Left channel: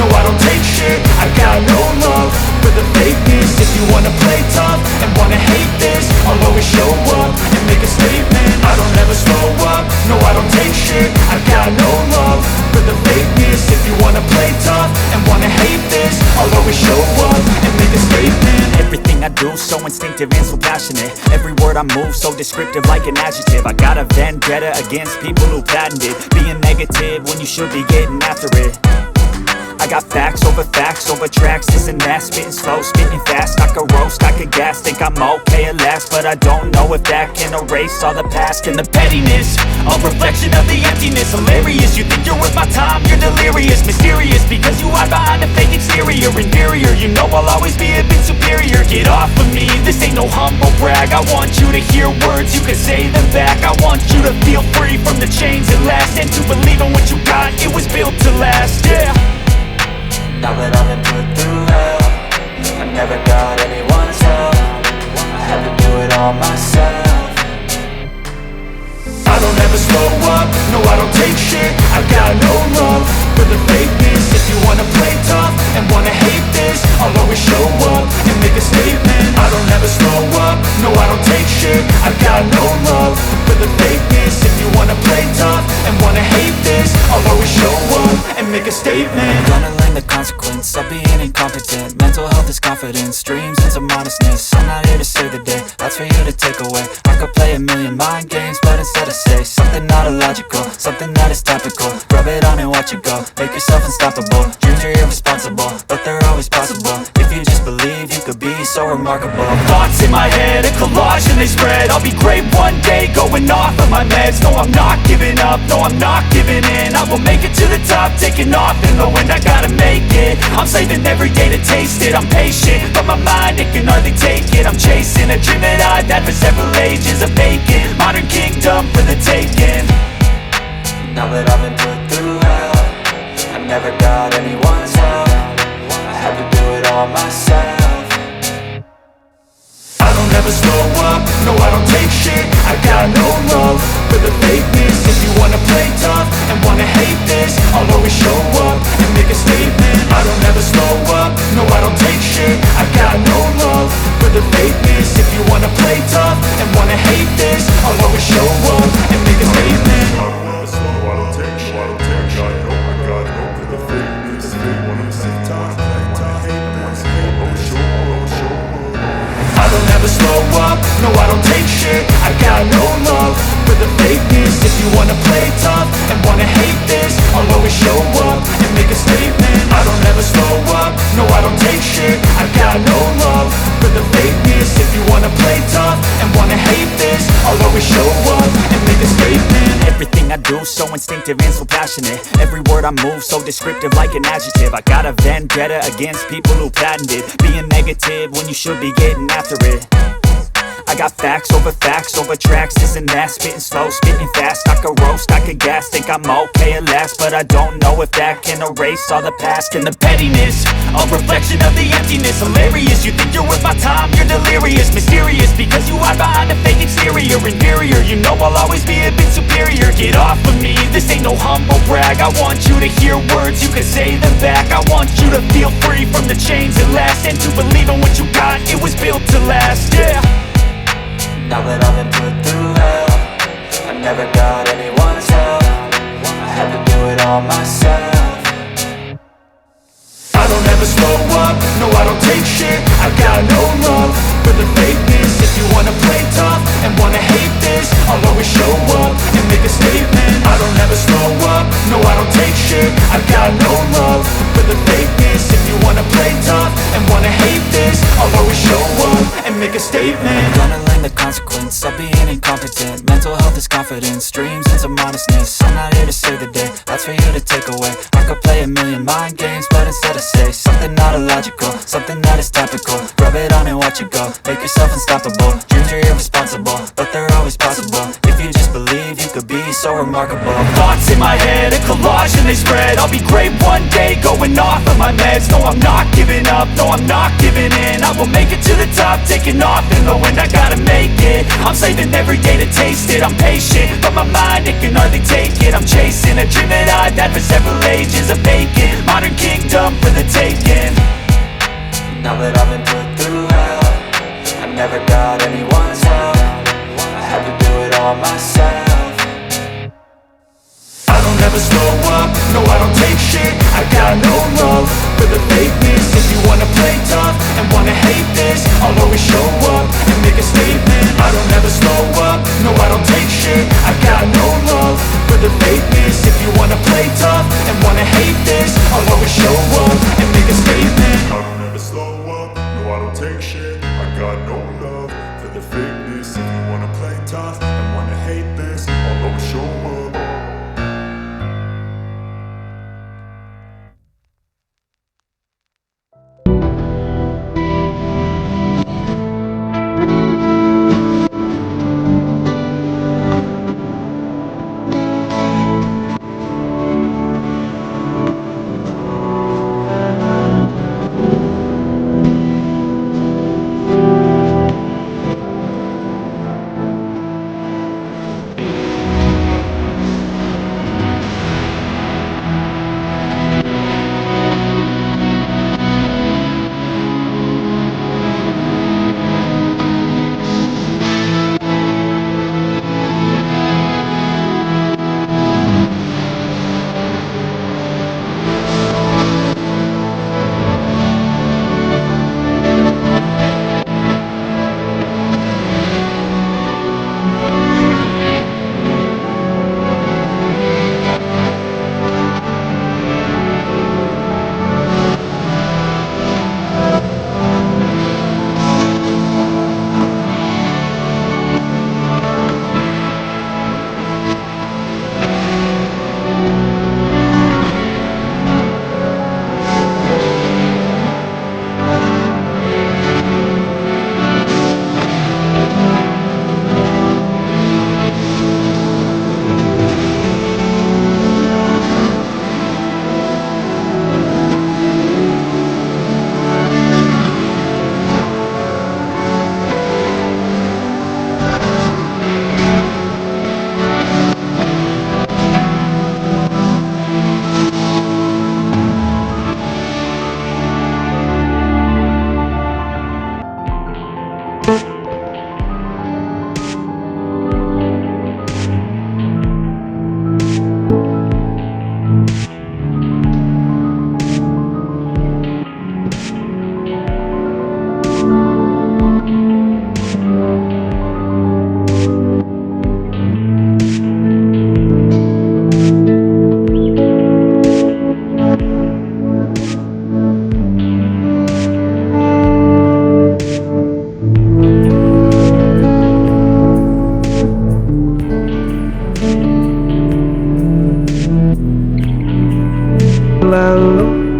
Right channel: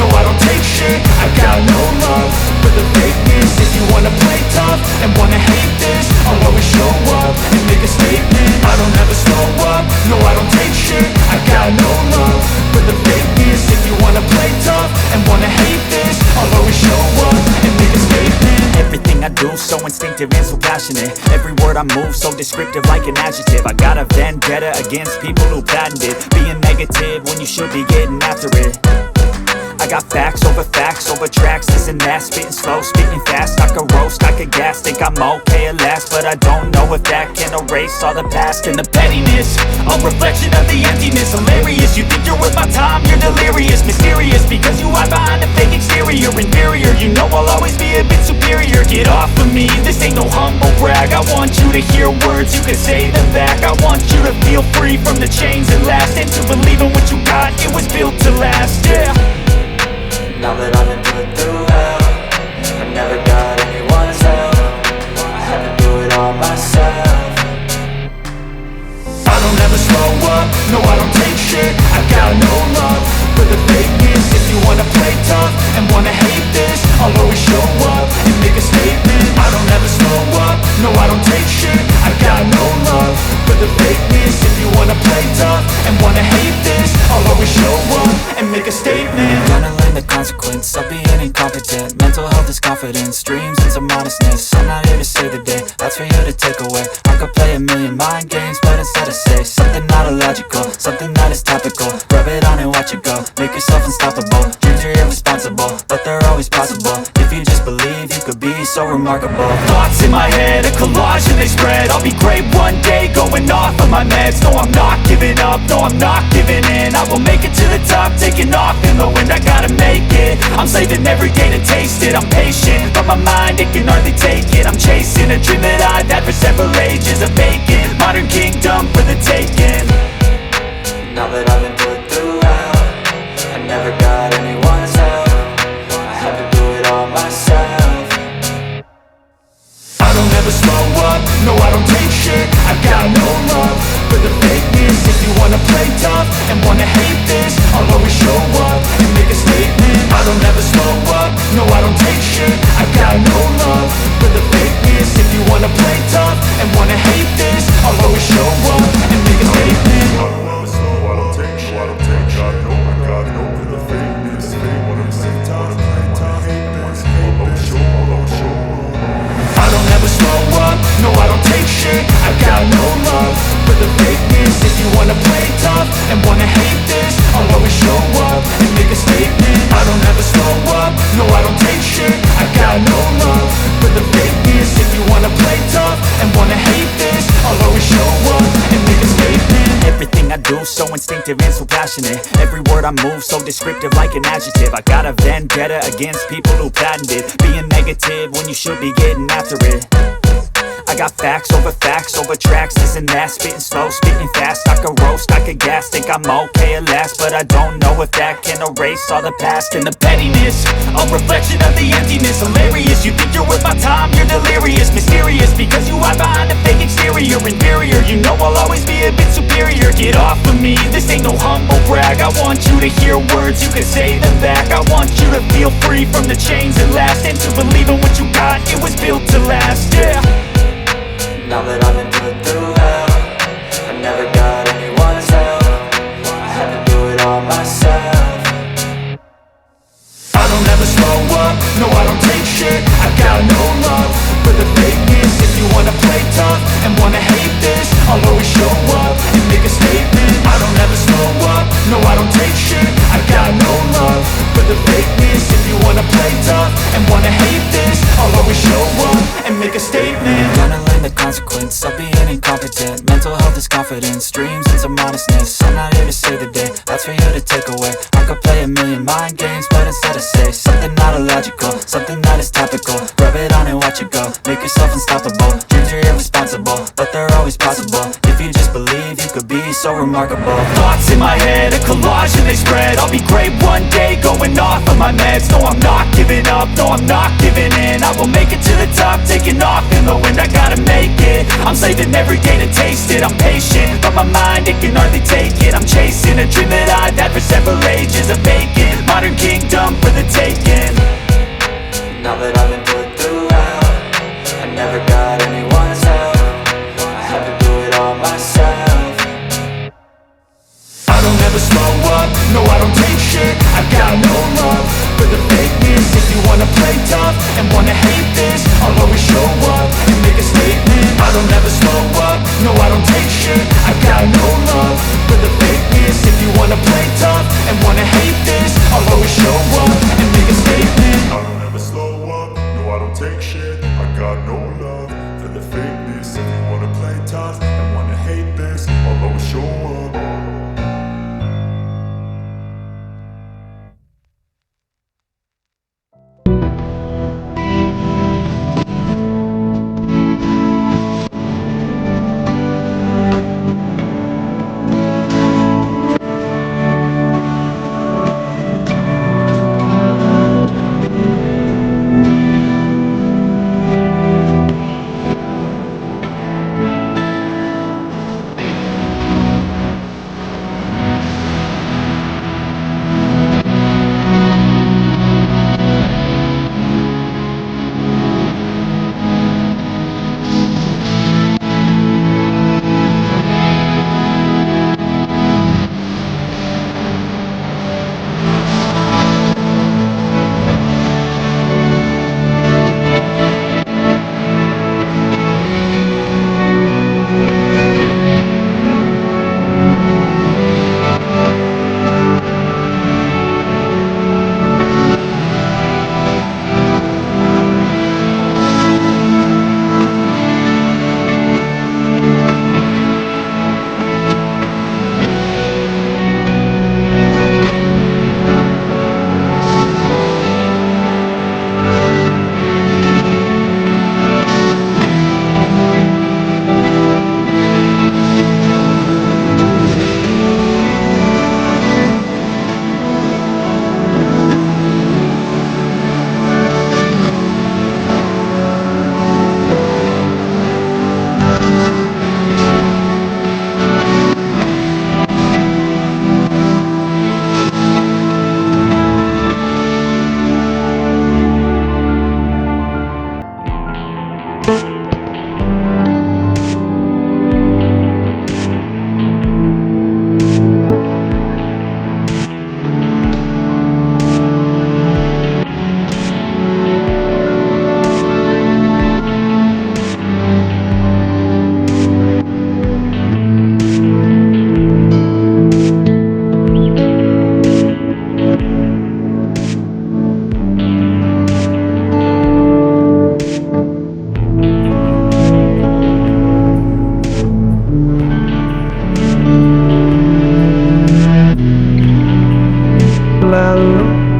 no I don't take shit. I got no love for the fakeness. If you wanna play tough and wanna hate this, I'll always show up and make a statement. I don't ever slow up, no I don't take shit. I got no love for the fakeness. If you wanna play tough and wanna hate this, I'll always show up and make a statement. Everything I do so instinctive and so passionate. Every word I move so descriptive like an adjective. I got a vendetta against people who patented being negative when you should be getting after it. I got facts over tracks, this and that. Spitting slow, spitting fast, I could roast, I could gas. Think I'm okay at last, but I don't know if that can erase all the past. And the pettiness, a reflection of the emptiness. Hilarious, you think you're worth my time, you're delirious. Mysterious, because you hide behind a fake exterior. Inferior, you know I'll always be a bit superior. Get off of me, this ain't no humble brag. I want you to hear words, you can say them back. I want you to feel free from the chains at last, and to believe in what you got, it was built to last, yeah. Now that I've been put through hell, I never got anyone's help. I had to do it all myself. I don't ever slow up, no I don't take shit. I got no love for the fakeness. If you wanna play tough and wanna hate this, I'll always show up and make a statement. I don't ever slow up, no I don't take shit. I got no love for the fakeness. If you wanna play tough and wanna hate this, I'll always show up and make a statement. Gonna learn the consequence of being incompetent. Mental health is confidence, dreams and some modestness. I'm not here to save the day, that's for you to take away. I could play a million mind games, but instead I say something not illogical, something that is topical. Rub it on and watch it go, make yourself unstoppable. Dreams are irresponsible, but they're always possible. If you just believe, you could be so remarkable. Thoughts in my head, a collage and they spread. I'll be great one day, going off of my meds. No, I'm not giving up, no, I'm not giving in. I will make it to the top, taking off in the wind. I gotta make it, I'm saving every day to taste it. I'm patient, but my mind, it can hardly take it. I'm chasing a dream that I've had for several ages. A vacant, modern kingdom for the taking. Now that I've been put through hell, I never got anyone's help. I had to do it all myself. I don't ever slow up, no I don't take shit. I got no love for the fakeness. If you wanna play tough and wanna hate this, I'll always show up and make a statement. I don't ever slow up, no I don't take shit. I got no love for the fakeness. If you wanna play tough and wanna hate this, I'll always show up and make a statement. I don't ever slow, I don't take shit. I got no for the fakeness. If you wanna play tough, hate this, I'll always show up. I don't ever slow up, no I don't take shit. I got no love for the fakeness. If you wanna play tough and wanna hate this, I'll always show up and make a statement. I don't ever slow up, no I don't take shit. I got no love for the fakeness. If you wanna play tough and wanna hate this, I'll always show up and make a statement. Everything I do so instinctive and so passionate. Every word I move so descriptive like an adjective. I got a vendetta against people who patented being negative when you should be getting after it. I got facts over tracks, this and that. Spitting slow, spitting fast, I could roast, I could gas. Think I'm okay at last, but I don't know if that can erase all the past. And the pettiness, a reflection of the emptiness. Hilarious, you think you're worth my time, you're delirious. Mysterious, because you hide behind a fake exterior. Inferior, you know I'll always be a bit superior. Get off of me, this ain't no humble brag. I want you to hear words, you can say them back. I want you to feel free from the chains at last, and to believe in what you got, it was built to last, yeah. Now that I've been put through hell, I never got anyone's help. I had to do it all myself. I don't ever slow up, no I don't take shit. I got no love for the fakeness. If you wanna play tough and wanna hate this, I'll always show up and make a statement. I don't ever slow up, no I don't take shit. I got no love for the fakeness. If you wanna play tough and wanna hate this, I'll always show up and make a statement. Gonna learn the consequence of being incompetent. Mental health is confidence, dreams and some modestness. I'm not here to save the day, that's for you to take away. I could play a million mind games, but instead I say something not illogical, something that is topical. Rub it on and watch it go, make yourself unstoppable. Dreams are irresponsible, but they're always possible. If you just believe, you could be so remarkable. Thoughts in my head, a collage and they spread. I'll be great one day, going off of my meds. No, I'm not giving up, no, I'm not giving in. I will make it to the top, taking off in the wind. I gotta make it, I'm saving every day to taste it. I'm patient, but my mind, it can hardly take it. I'm chasing a dream that I've had for several ages. A vacant, modern kingdom freedom for the taking. Now that I've been put through hell, I never got anyone's help. I had to do it all myself. I don't ever slow up, no I don't take shit. I got no love for the fakeness. If you wanna play tough and wanna hate this, I'll always show up and make a statement. I don't ever slow up, no I don't take shit. I got no love for the fakeness. If you wanna play tough and wanna hate this, I'll always show up and make a statement. I don't ever slow up, no I don't take shit. I got no love for the fakeness. If you wanna play tough and wanna hate this, I'll always show up. Lalu